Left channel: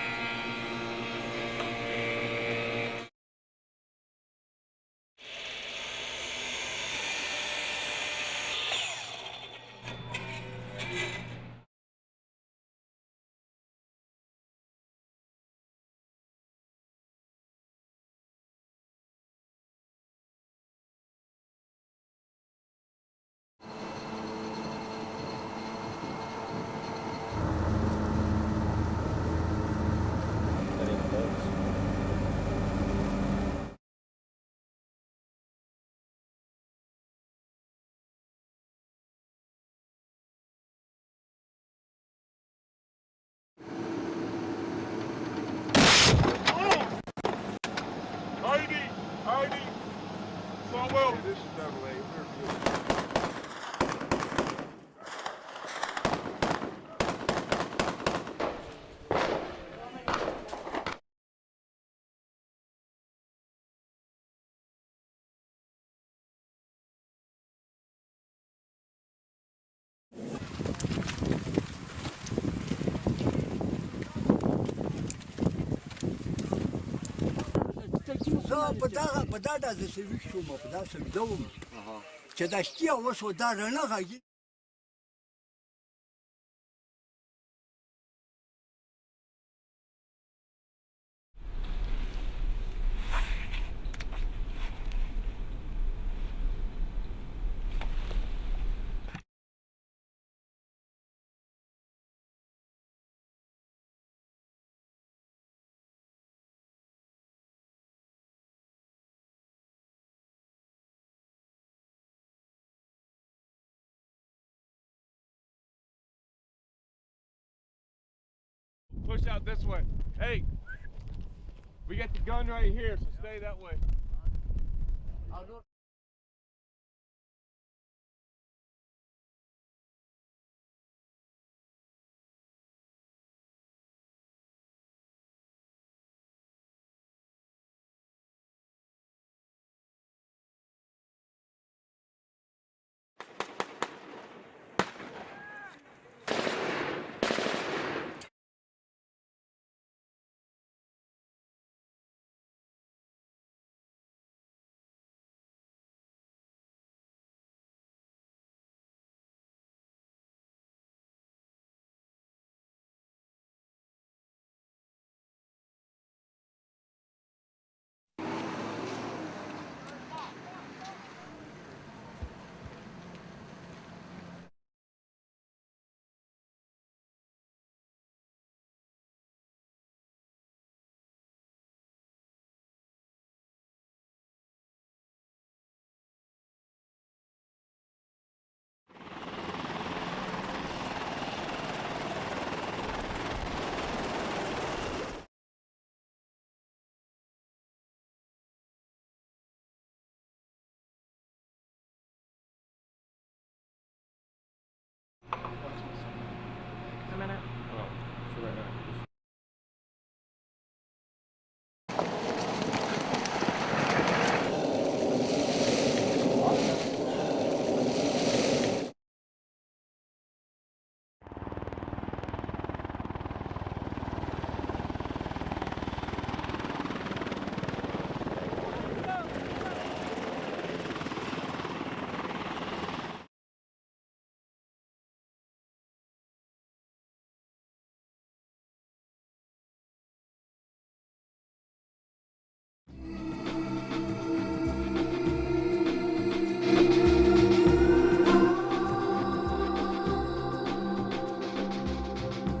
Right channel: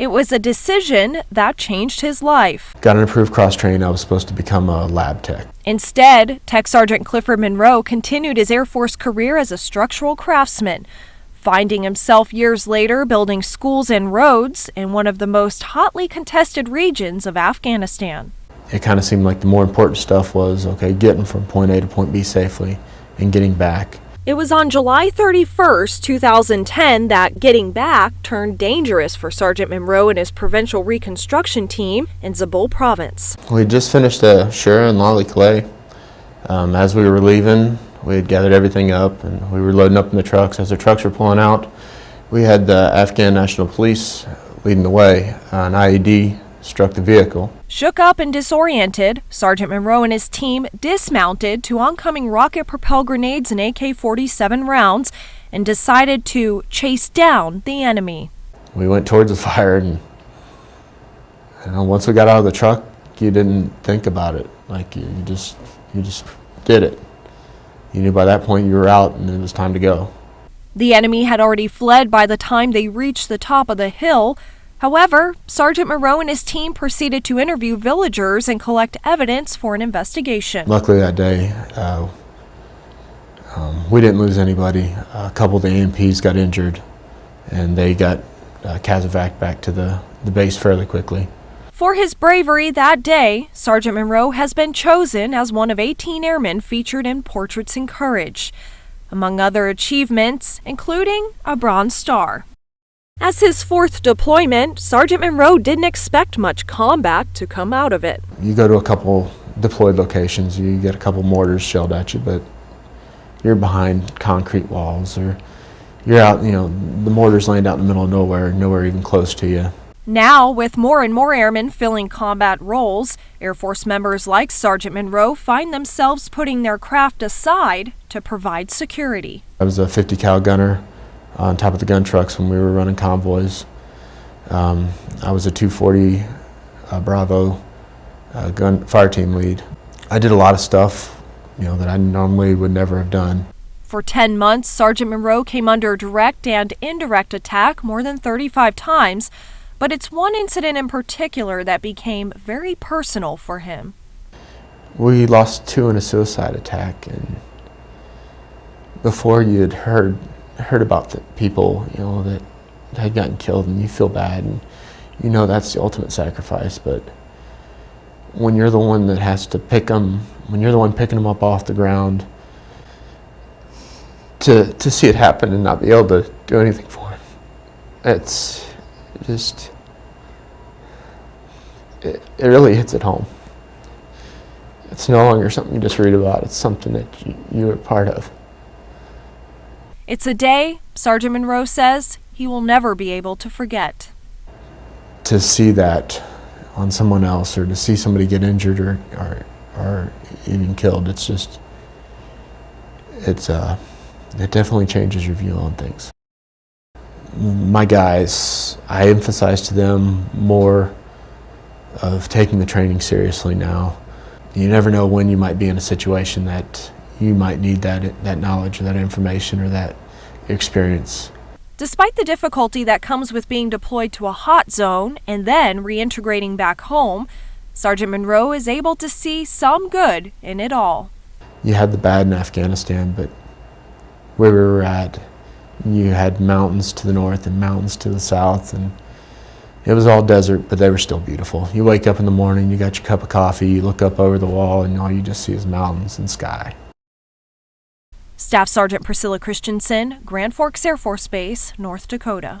It was a decision that changed his life. Got an approved cross-train. I was supposed to become a lab tech. Instead, Tech Sergeant Clifford Monroe continued his Air Force career as a structural craftsman, finding himself years later building schools and roads in one of the most hotly contested regions of Afghanistan. It kind of seemed like the more important stuff was, okay, getting from point A to point B safely and getting back. It was on July 31st, 2010 that getting back turned dangerous for Sergeant Monroe and his provincial reconstruction team in Zabul province. We just finished Shura and Lali Clay. As we were leaving, we had gathered everything up and we were loading up in the trucks. As the trucks were pulling out, we had the Afghan National Police leading the way. An IED struck the vehicle. Shook up and disoriented, Sergeant Monroe and his team dismounted to oncoming rocket-propelled grenades and AK-47 rounds and decided to chase down the enemy. We went towards the fire and once we got out of the truck, you didn't think about it. Like you just did it. You knew by that point you were out and it was time to go. The enemy had already fled by the time they reached the top of the hill. However, Sergeant Monroe and his team proceeded to interview villagers and collect evidence for an investigation. Luckily that day, we didn't lose anybody. A couple of the AMPs got injured and they got CASEVAC back to the base fairly quickly. For his bravery that day, Sergeant Monroe has been chosen as one of 18 airmen featured in Portraits in Courage, among other achievements, including a Bronze Star. As his fourth deployment, Sergeant Monroe didn't expect much combat to come out of it. You go to a couple deployed locations, you get a couple mortars shelled at you, but you're behind concrete walls, or you're out, the mortar's laying out in the middle of nowhere even close to you. Now, with more and more airmen filling combat roles, Air Force members like Sergeant Monroe find themselves putting their craft aside to provide security. I was a 50 cal gunner on top of the gun trucks when we were running convoys. I was a 240 Bravo gun fire team lead. I did a lot of stuff, that I normally would never have done. For 10 months, Sergeant Monroe came under direct and indirect attack more than 35 times, but it's one incident in particular that became very personal for him. We lost 2 in a suicide attack, and before you had heard about the people, that had gotten killed, and you feel bad, and that's the ultimate sacrifice. But when you're the one that has to pick them, when you're the one picking them up off the ground, to see it happen and not be able to do anything for them, it's just, it really hits at home. It's no longer something you just read about, it's something that you are part of. It's a day, Sergeant Monroe says, he will never be able to forget. To see that on someone else, or to see somebody get injured or even killed, it definitely changes your view on things. My guys, I emphasize to them more of taking the training seriously now. You never know when you might be in a situation that you might need that knowledge or that information or that experience. Despite the difficulty that comes with being deployed to a hot zone and then reintegrating back home, Sergeant Monroe is able to see some good in it all. You had the bad in Afghanistan, but where we were at, you had mountains to the north and mountains to the south, and it was all desert, but they were still beautiful. You wake up in the morning, you got your cup of coffee, you look up over the wall, and all you just see is mountains and sky. Staff Sergeant Priscilla Christensen, Grand Forks Air Force Base, North Dakota.